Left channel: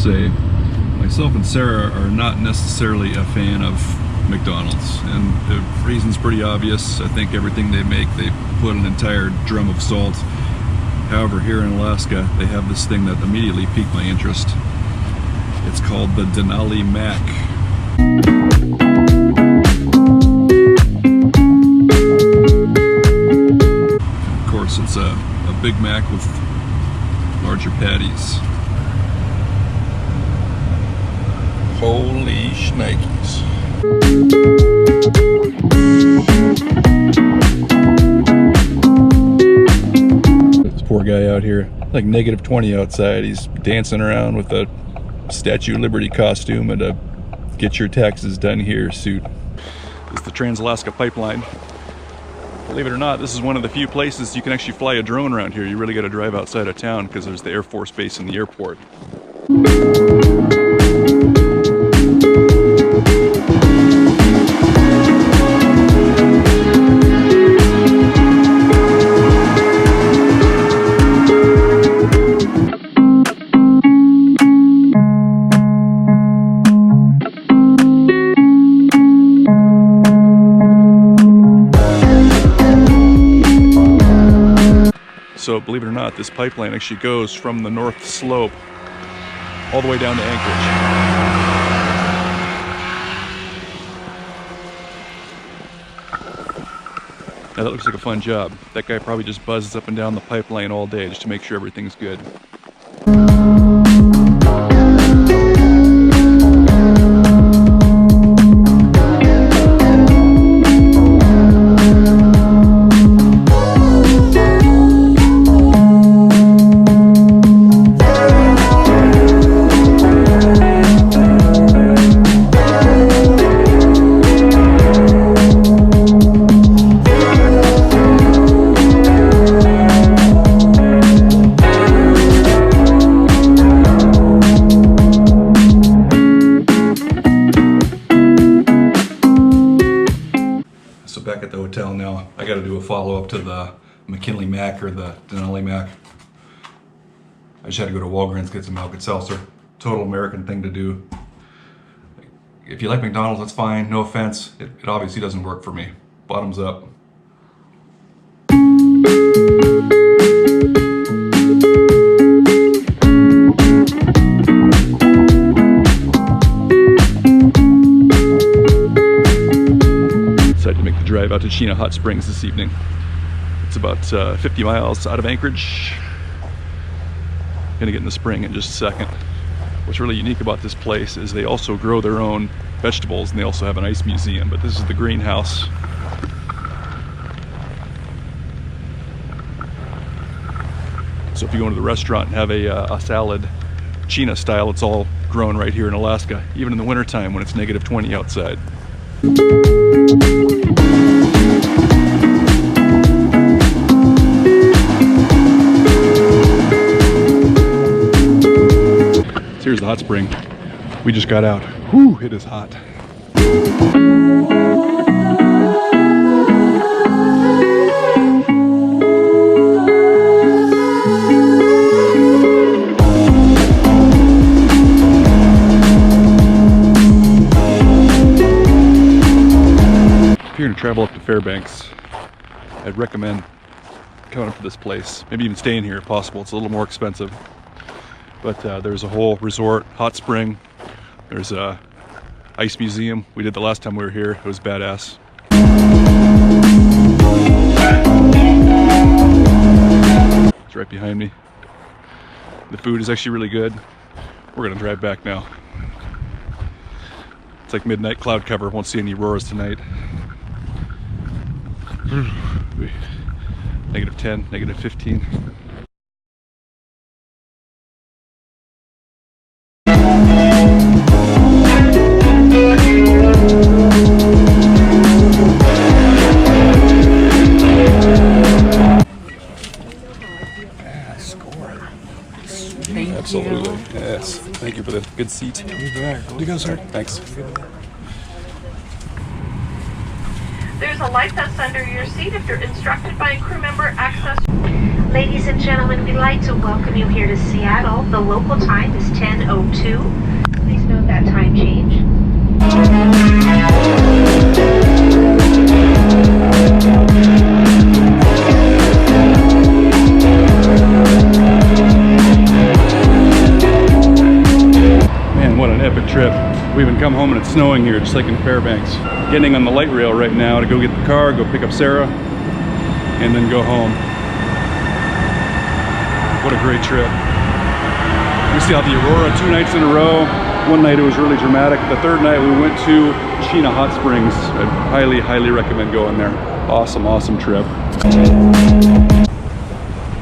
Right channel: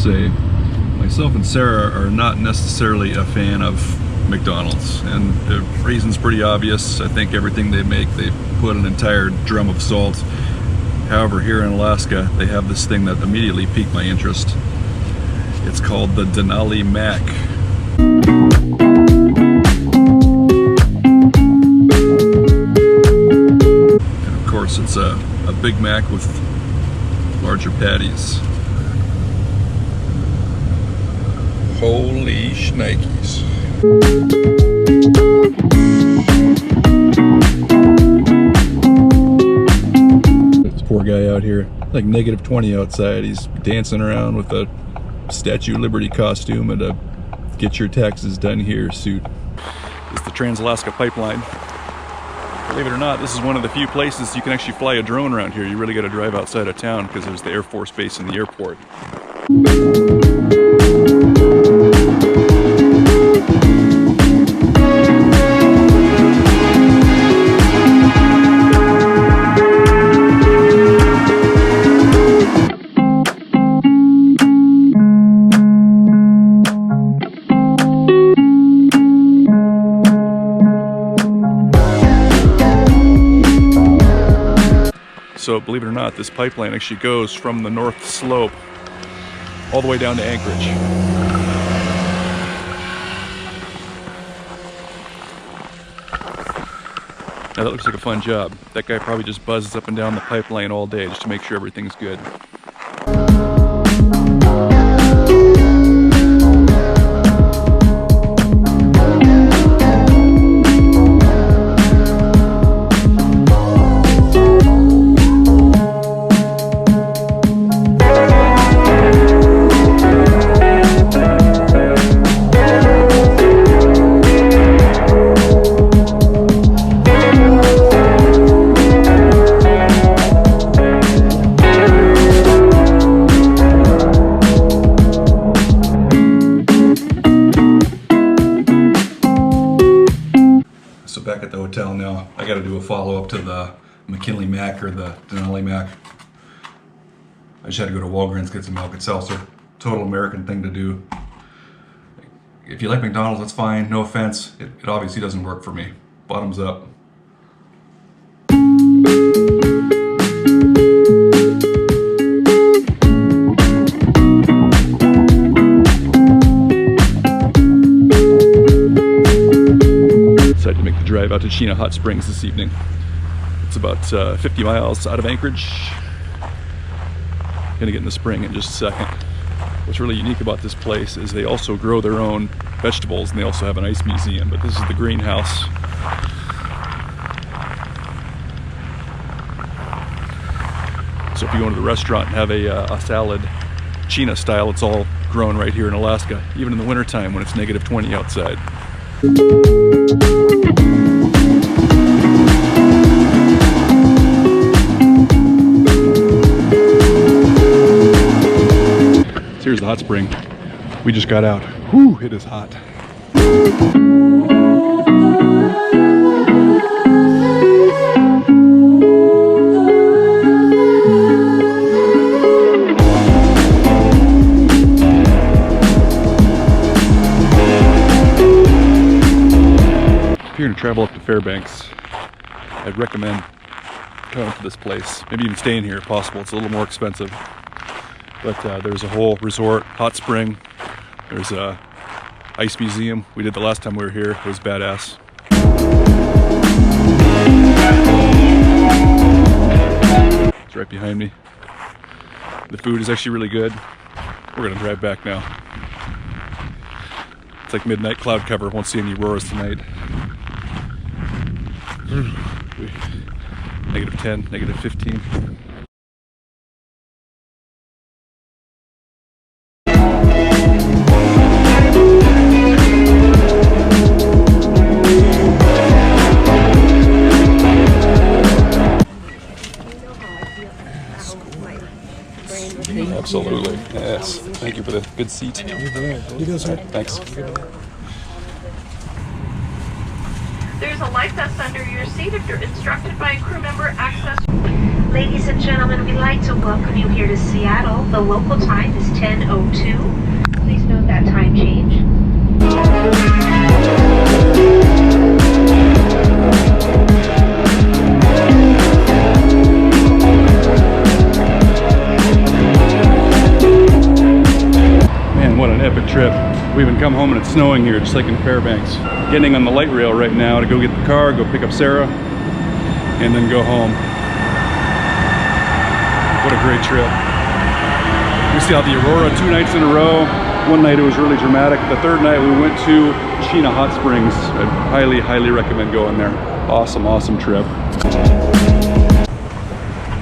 say, myself and Sarah are not necessarily a fan of McDonald's, and the reason's pretty obvious. I think everything they make, they put an entire drum of salt. However, here in Alaska, they have this thing that immediately piqued my interest. It's called the Denali Mac. And of course, it's a Big Mac with larger patties. Holy shnikes. This poor guy out here, like negative 20 outside. He's dancing around with a Statue of Liberty costume and a get your taxes done here suit. This is the Trans-Alaska Pipeline. Believe it or not, this is one of the few places you can actually fly a drone around here. You really got to drive outside of town because there's the Air Force Base and the airport. So believe it or not, this pipeline actually goes from the north slope all the way down to Anchorage. Now that looks like a fun job. That guy probably just buzzes up and down the pipeline all day just to make sure everything's good. So back at the hotel now, I got to do a follow-up to the McKinley Mac or the Denali Mac. I just had to go to Walgreens, get some milk and seltzer. Total American thing to do. If you like McDonald's, that's fine. No offense. It obviously doesn't work for me. Bottoms up. To make the drive out to Chena Hot Springs this evening. It's about 50 miles out of Anchorage. Gonna get in the spring in just a second. What's really unique about this place is they also grow their own vegetables, and they also have an ice museum, but this is the greenhouse. So if you go into the restaurant and have a salad, Chena style, it's all grown right here in Alaska, even in the wintertime when it's negative 20 outside. So here's the hot spring. We just got out. Whew, it is hot. If you're gonna travel up to Fairbanks, I'd recommend coming to this place. Maybe even staying here if possible. It's a little more expensive. But there's a whole resort, hot spring. There's a ice museum. We did the last time we were here. It was badass. It's right behind me. The food is actually really good. We're gonna drive back now. It's like midnight cloud cover. Won't see any auroras tonight. Negative 10, negative 15. Absolutely, yes. Thank you for the good seat. You go, sir. Thanks. There's a light vest under your seat. If you're instructed by a crew member, access. Ladies and gentlemen, we'd like to welcome you here to Seattle. The local time is 10:02. Please note that time change. Man, what an epic trip. We even come home and it's snowing here, just like in Fairbanks. Getting on the light rail right now to go get the car, go pick up Sarah, and then go home. What a great trip. We saw the aurora 2 nights in a row. One night it was really dramatic. The third night we went to Chena Hot Springs. I highly, highly recommend going there. Awesome, awesome trip.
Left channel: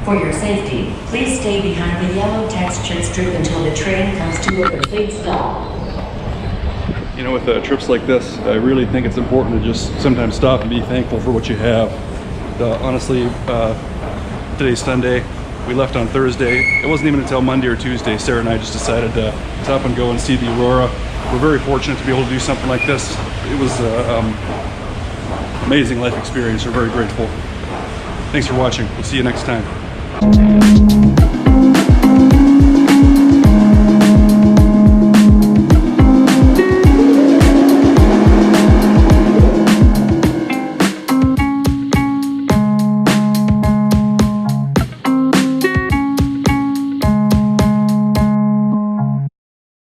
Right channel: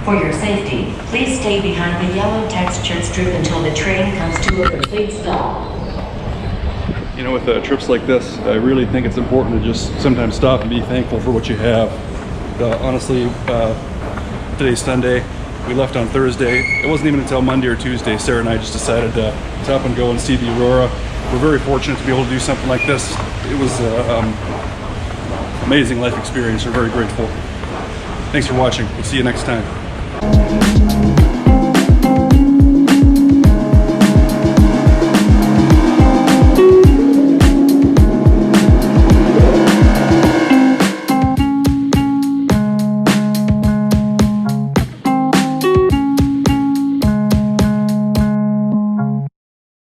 For your safety, please stay behind the yellow textured strip until the train comes to a complete stop. You know, with trips like this, I really think it's important to just sometimes stop and be thankful for what you have. Honestly, today's Sunday. We left on Thursday. It wasn't even until Monday or Tuesday, Sarah and I just decided to up and go and see the aurora. We're very fortunate to be able to do something like this. It was an amazing life experience. We're very grateful. Thanks for watching. We'll see you next time.